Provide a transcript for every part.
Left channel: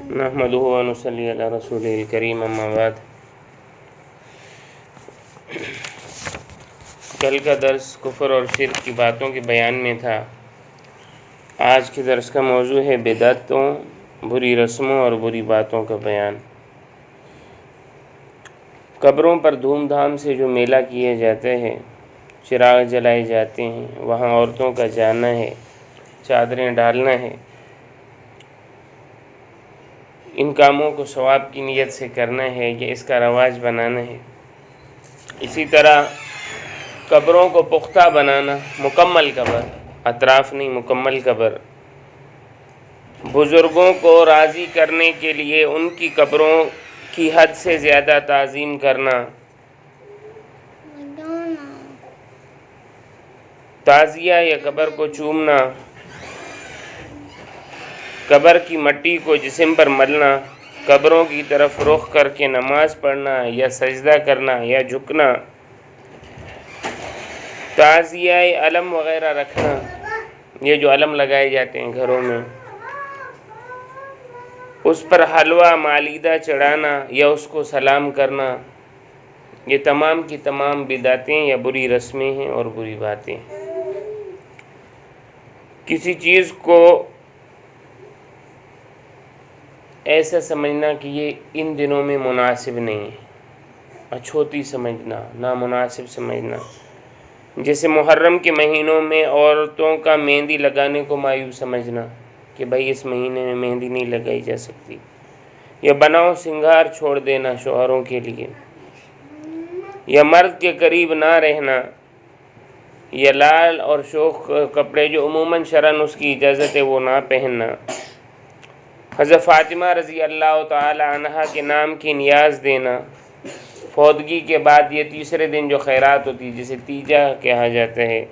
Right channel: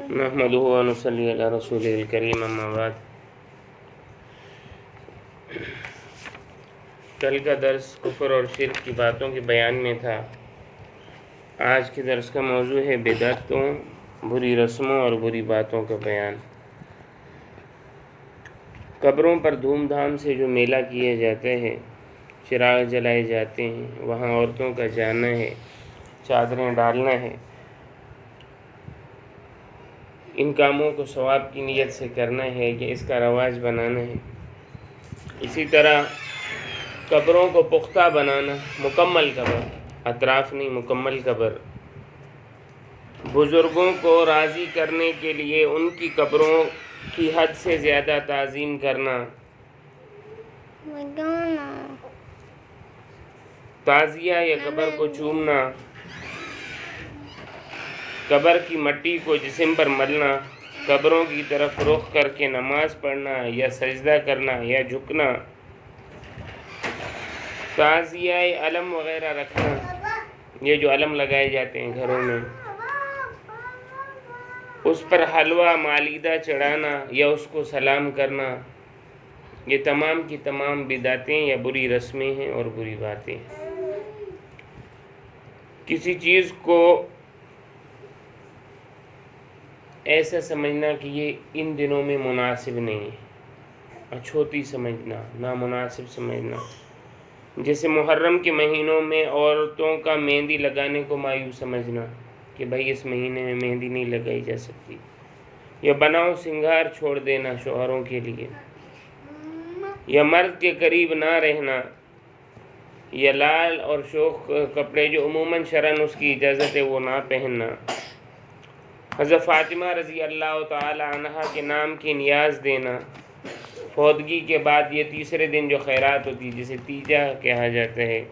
نحمدہ و نصلی علی رسولہ الکریم، اما بعد۔ کل کا درس کفر اور شرک کی باتوں کے بیان میں تھا۔ آج کے درس کا موضوع ہے بدعتوں، بری رسموں اور بری باتوں کا بیان۔ قبروں پر دھوم دھام سے جو میلہ کیے جاتے ہیں، چراغ جلائے جاتے ہیں، وہاں عورتوں کا جانا ہے، چادریں ڈالنا ہے، ان کاموں کو ثواب کی نیت سے کرنا ہے یا اس کا رواج بنانا ہے۔ اسی طرح قبروں کو پختہ بنانا، مکمل قبر، اطراف نہیں، مکمل قبر، بزرگوں کو راضی کرنے کے لیے ان کی قبروں کی حد سے زیادہ تعظیم کرنا، تعزیہ یا قبر کو چومنا، قبر کی مٹی کو جسم پر ملنا، قبروں کی طرف رخ کر کے نماز پڑھنا یا سجدہ کرنا یا جھکنا، تعزیہ علم وغیرہ رکھنا، یہ جو علم لگائے جاتے ہیں گھروں میں، اس پر حلوہ مالیدہ چڑھانا یا اس کو سلام کرنا، یہ تمام کی تمام بدعتیں یا بری رسمیں ہیں اور بری باتیں۔ کسی چیز کو ایسا سمجھنا کہ یہ ان دنوں میں مناسب نہیں ہے، اچھوتی سمجھنا، نامناسب سمجھنا، جیسے محرم کے مہینوں میں عورتوں کا مہندی لگانے کو معیوب سمجھنا کہ بھائی اس مہینے میں مہندی نہیں لگائی جا سکتی، یا بناؤ سنگھار چھوڑ دینا شوہروں کے لیے، یا مرد کے قریب نہ رہنا، یا لال اور شوخ کپڑے جو عموماً شرعاً اس کی اجازت ہے وہ نہ پہننا، حضرت فاطمہ رضی اللہ تعالی عنہا کے نام کی نیاز دینا، فوتگی کے بعد یہ تیسرے دن جو خیرات ہوتی ہے جسے تیجا کہا جاتا ہے،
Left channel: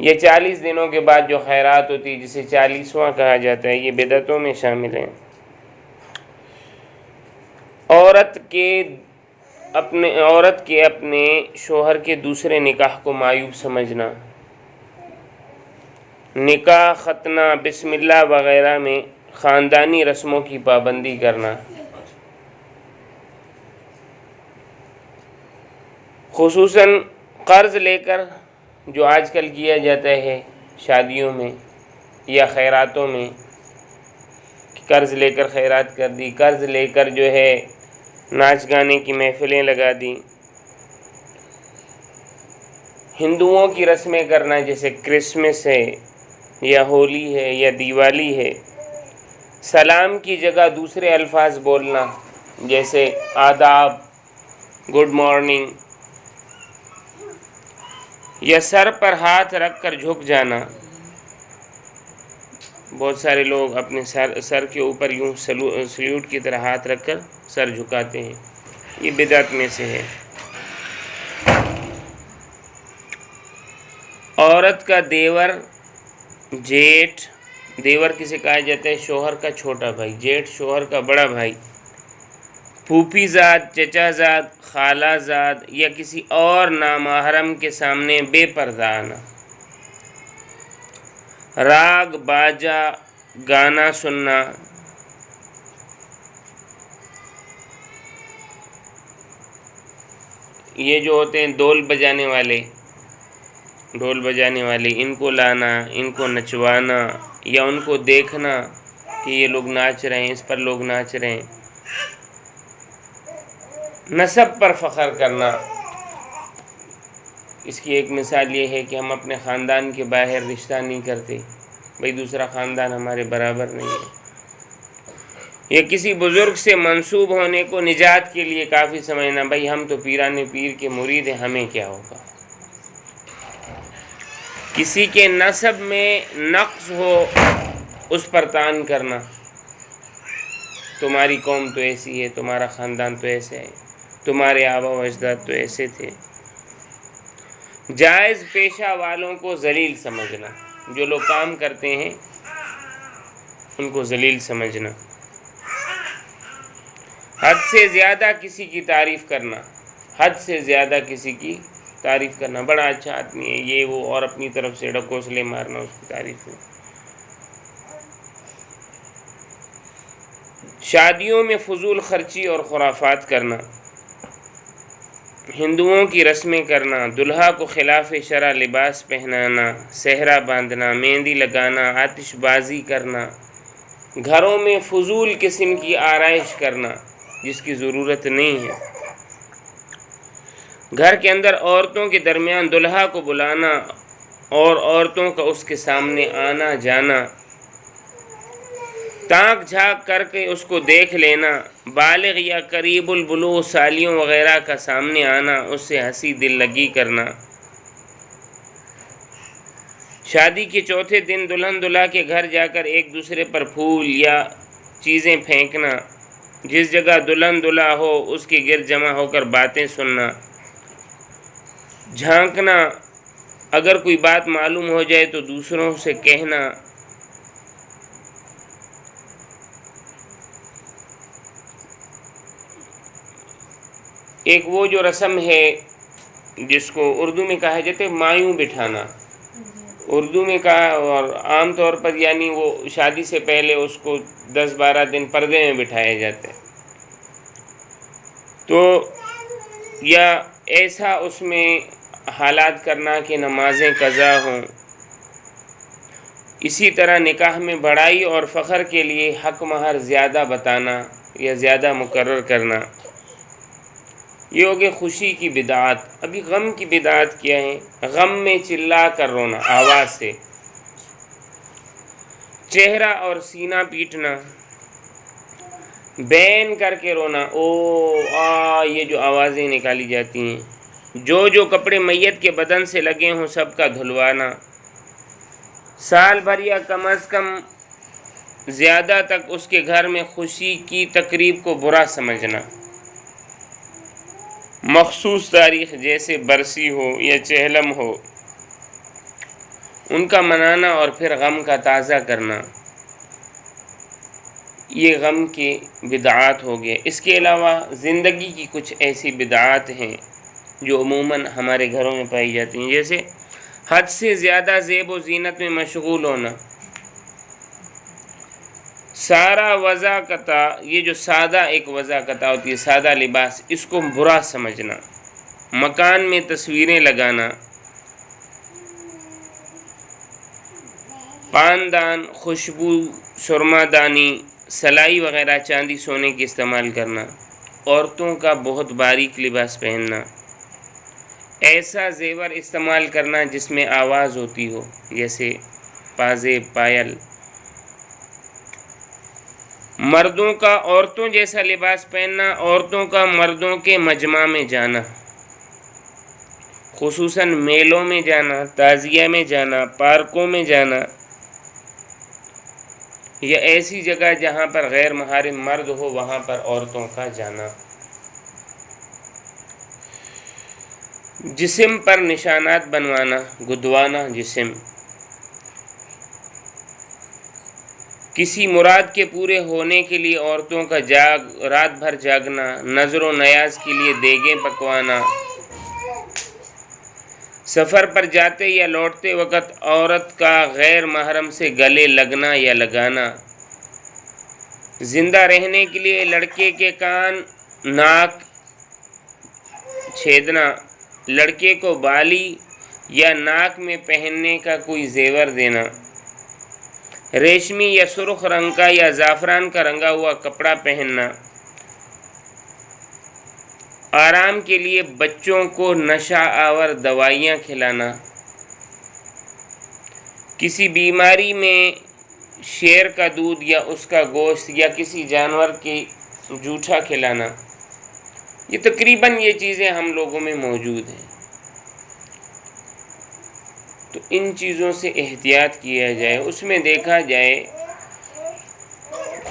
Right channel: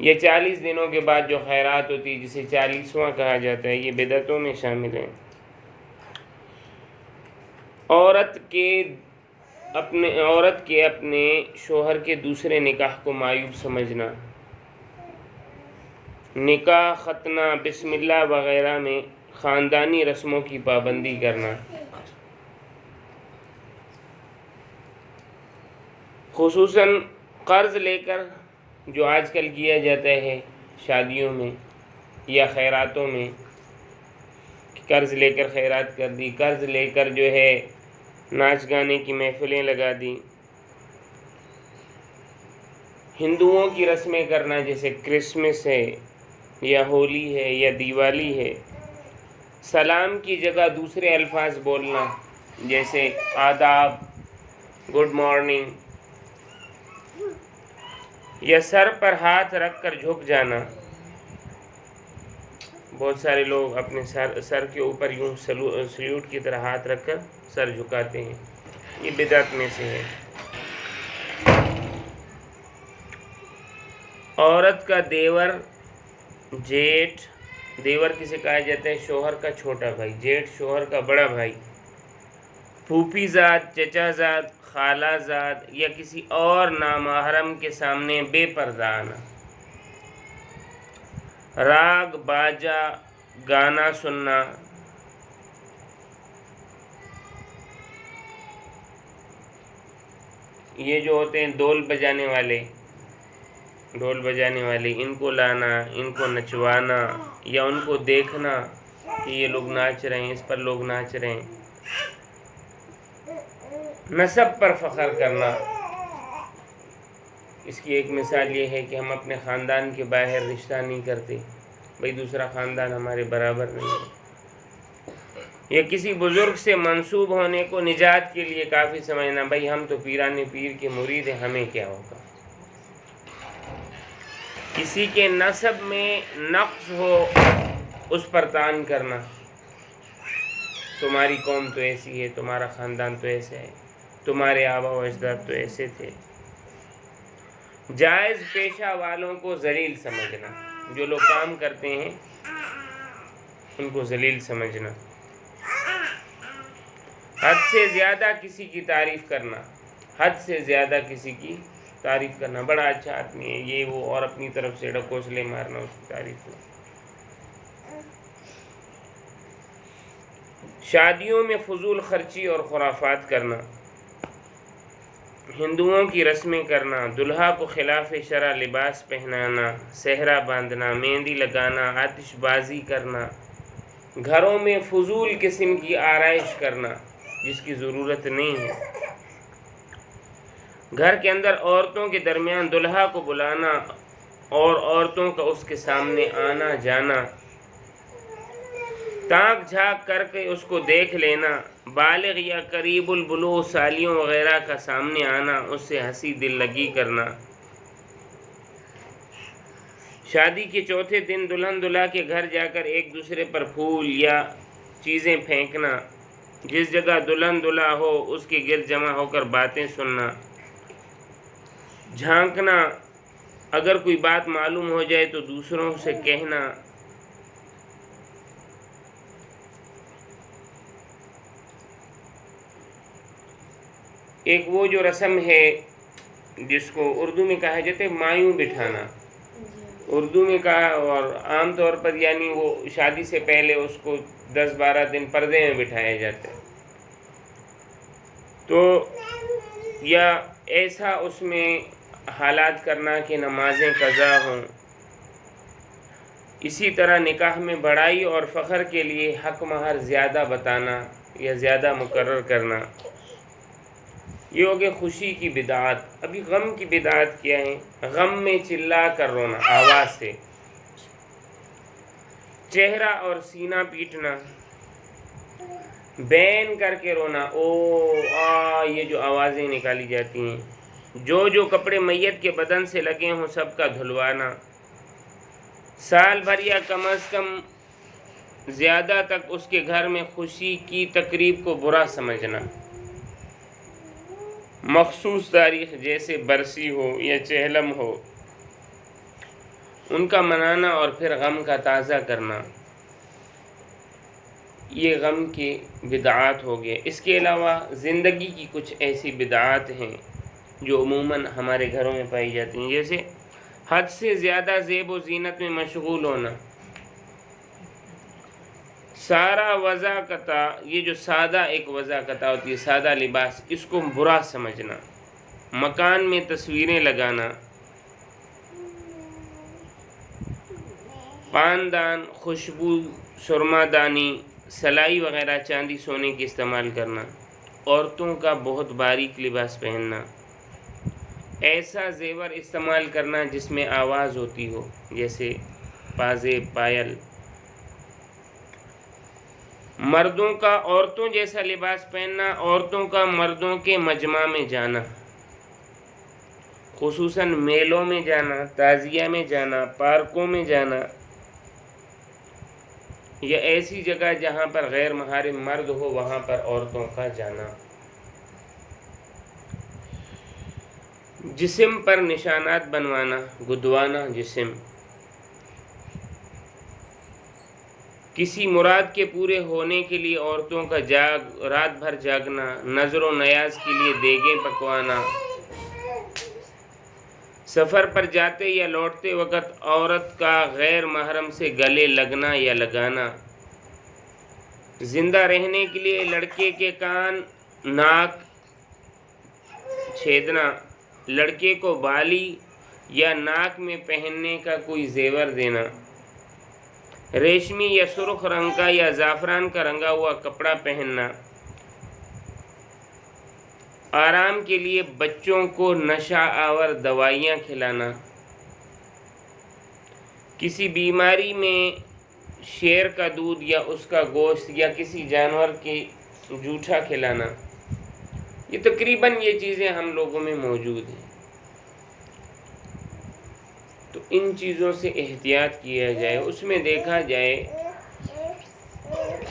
یہ 40 دنوں کے بعد جو خیرات ہوتی ہے جسے 40واں کہا جاتا ہے، یہ بدعتوں میں شامل ہیں۔ عورت کے اپنے شوہر کے دوسرے نکاح کو معیوب سمجھنا، نکاح، ختنہ، بسم اللہ وغیرہ میں خاندانی رسموں کی پابندی کرنا، خصوصاً قرض لے کر جو آج کل کیا جاتا ہے شادیوں میں یا خیراتوں میں، قرض لے کر خیرات کر دی، قرض لے کر جو ہے ناچ گانے کی محفلیں لگا دی، ہندوؤں کی رسمیں کرنا جیسے کرسمس ہے یا ہولی ہے یا دیوالی ہے، سلام کی جگہ دوسرے الفاظ بولنا جیسے آداب، گڈ مارننگ، یا سر پر ہاتھ رکھ کر جھک جانا، بہت سارے لوگ اپنے سر کے اوپر یوں سلیوٹ کی طرح ہاتھ رکھ کر سر جھکاتے ہیں، یہ بدعت میں سے ہے۔ عورت کا دیور، جیٹھ، دیور کسے کہا جاتا ہے؟ شوہر کا چھوٹا بھائی، جیٹھ شوہر کا بڑا بھائی، پھوپھی زاد، چچا زاد، خالہ زاد یا کسی اور نامحرم کے سامنے بے پردہ آنا، راگ باجا گانا سننا، یہ جو ہوتے ہیں ڈول بجانے والے، ان کو لانا، ان کو نچوانا یا ان کو دیکھنا کہ یہ لوگ ناچ رہے ہیں، اس پر لوگ ناچ رہے ہیں، نسب پر فخر کرنا۔ اس کی ایک مثال یہ ہے کہ ہم اپنے خاندان کے باہر رشتہ نہیں کرتے، بھئی دوسرا خاندان ہمارے برابر نہیں ہے، یا کسی بزرگ سے منسوب ہونے کو نجات کے لیے کافی سمجھنا، بھئی ہم تو پیران پیر کے مرید ہیں، ہمیں کیا ہوگا۔ کسی کے نسب میں نقص ہو اس پر طعن کرنا، تمہاری قوم تو ایسی ہے، تمہارا خاندان تو ایسے ہے، تمہارے آبا و اجداد تو ایسے تھے۔ جائز پیشہ والوں کو ذلیل سمجھنا، جو لوگ کام کرتے ہیں ان کو ذلیل سمجھنا، حد سے زیادہ کسی کی تعریف کرنا، بڑا اچھا آدمی ہے یہ وہ، اور اپنی طرف سے ڈکوسلے مارنا اس کی تعریف میں۔ شادیوں میں فضول خرچی اور خرافات کرنا، ہندوؤں کی رسمیں کرنا، دلہا کو خلاف شرع لباس پہنانا، صحرا باندھنا، مہندی لگانا، آتش بازی کرنا، گھروں میں فضول قسم کی آرائش کرنا جس کی ضرورت نہیں ہے، گھر کے اندر عورتوں کے درمیان دلہا کو بلانا اور عورتوں کا اس کے سامنے آنا جانا، تاک جھانک کر کے اس کو دیکھ لینا، بالغ یا قریب البلوغ سالیوں وغیرہ کا سامنے آنا، اس سے ہنسی دل لگی کرنا، شادی کے چوتھے دن دلہن دلہا کے گھر جا کر ایک دوسرے پر پھول یا چیزیں پھینکنا، جس جگہ دلہن دلہا ہو اس کے گرد جمع ہو کر باتیں سننا، جھانکنا، اگر کوئی بات معلوم ہو جائے تو دوسروں سے کہنا، ایک وہ جو رسم ہے جس کو اردو میں کہا جاتا ہے مایوں بٹھانا، اردو میں کہا، اور عام طور پر یعنی وہ شادی سے پہلے اس کو 10-12 دن پردے میں بٹھائے جاتے ہیں، تو یا ایسا اس میں حالات کرنا کہ نمازیں قضا ہوں۔ اسی طرح نکاح میں بڑائی اور فخر کے لیے حق مہر زیادہ بتانا یا زیادہ مقرر کرنا، یہ ہو گئی خوشی کی بدعات۔ ابھی غم کی بدعات کیا ہے؟ غم میں چلا کر رونا آواز سے، چہرہ اور سینہ پیٹنا، بین کر کے رونا، او آ، یہ جو آوازیں نکالی جاتی ہیں، جو کپڑے میت کے بدن سے لگے ہوں سب کا دھلوانا، سال بھر یا کم از کم زیادہ تک اس کے گھر میں خوشی کی تقریب کو برا سمجھنا، مخصوص تاریخ جیسے برسی ہو یا چہلم ہو ان کا منانا اور پھر غم کا تازہ کرنا، یہ غم کی بدعات ہو گئے۔ اس کے علاوہ زندگی کی کچھ ایسی بدعات ہیں جو عموماً ہمارے گھروں میں پائی جاتی ہیں، جیسے حد سے زیادہ زیب و زینت میں مشغول ہونا، سارا وضاقتہ، یہ جو سادہ ایک وضاقتہ ہوتی ہے، سادہ لباس، اس کو برا سمجھنا، مکان میں تصویریں لگانا، پاندان، خوشبو، سرما دانی، سلائی وغیرہ چاندی سونے کی استعمال کرنا، عورتوں کا بہت باریک لباس پہننا، ایسا زیور استعمال کرنا جس میں آواز ہوتی ہو، جیسے پازیب، پائل، مردوں کا عورتوں جیسا لباس پہننا، عورتوں کا مردوں کے مجمع میں جانا، خصوصاً میلوں میں جانا، تعزیہ میں جانا، پارکوں میں جانا، یا ایسی جگہ جہاں پر غیر محرم مرد ہو وہاں پر عورتوں کا جانا، جسم پر نشانات بنوانا، گدوانا جسم، کسی مراد کے پورے ہونے کے لیے عورتوں کا رات بھر جاگنا، نظر و نیاز کے لیے دیگیں پکوانا، سفر پر جاتے یا لوٹتے وقت عورت کا غیر محرم سے گلے لگنا یا لگانا، زندہ رہنے کے لیے لڑکے کے کان، ناک چھیدنا، لڑکے کو بالی یا ناک میں پہننے کا کوئی زیور دینا، ریشمی یا سرخ رنگ کا یا زعفران کا رنگا ہوا کپڑا پہننا، آرام کے لیے بچوں کو نشہ آور دوائیاں کھلانا، کسی بیماری میں شیر کا دودھ یا اس کا گوشت یا کسی جانور کی جوٹھا کھلانا، یہ تقریباً یہ چیزیں ہم لوگوں میں موجود ہیں۔ تو ان چیزوں سے احتیاط کیا جائے، اس میں دیکھا جائے،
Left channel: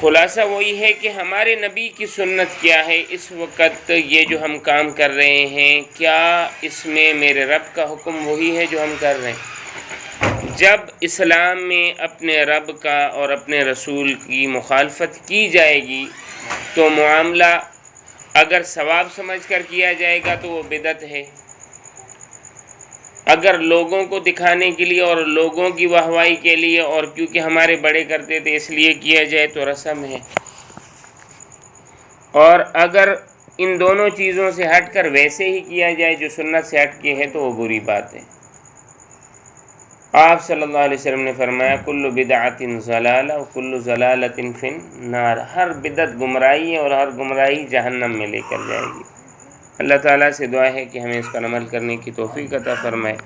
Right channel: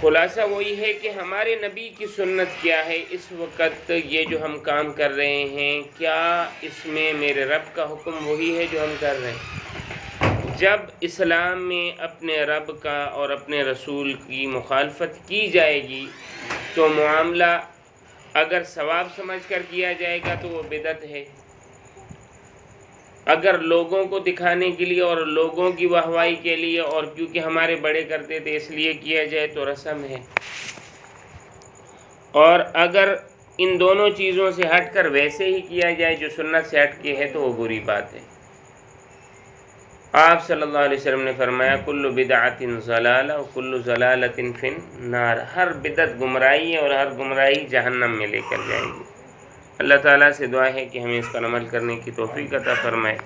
خلاصہ وہی ہے کہ ہمارے نبی کی سنت کیا ہے، اس وقت یہ جو ہم کام کر رہے ہیں، کیا اس میں میرے رب کا حکم وہی ہے جو ہم کر رہے ہیں؟ جب اسلام میں اپنے رب کا اور اپنے رسول کی مخالفت کی جائے گی تو معاملہ اگر ثواب سمجھ کر کیا جائے گا تو وہ بدعت ہے، اگر لوگوں کو دکھانے کے لیے اور لوگوں کی واہوائی کے لیے اور کیونکہ ہمارے بڑے کرتے تھے اس لیے کیا جائے تو رسم ہے۔ اور اگر ان دونوں چیزوں سے ہٹ کر ویسے ہی کیا جائے جو سنت سے ہٹ کے ہے تو وہ بری بات ہے۔ آپ صلی اللہ علیہ وسلم نے فرمایا کل بدعۃ ضلالہ وکل ضلالۃ فی النار، ہر بدعت گمراہی ہے اور ہر گمراہی جہنم میں لے کر جائے گی۔ اللہ تعالیٰ سے دعا ہے کہ ہمیں اس پر عمل کرنے کی توفیق عطا فرمائے۔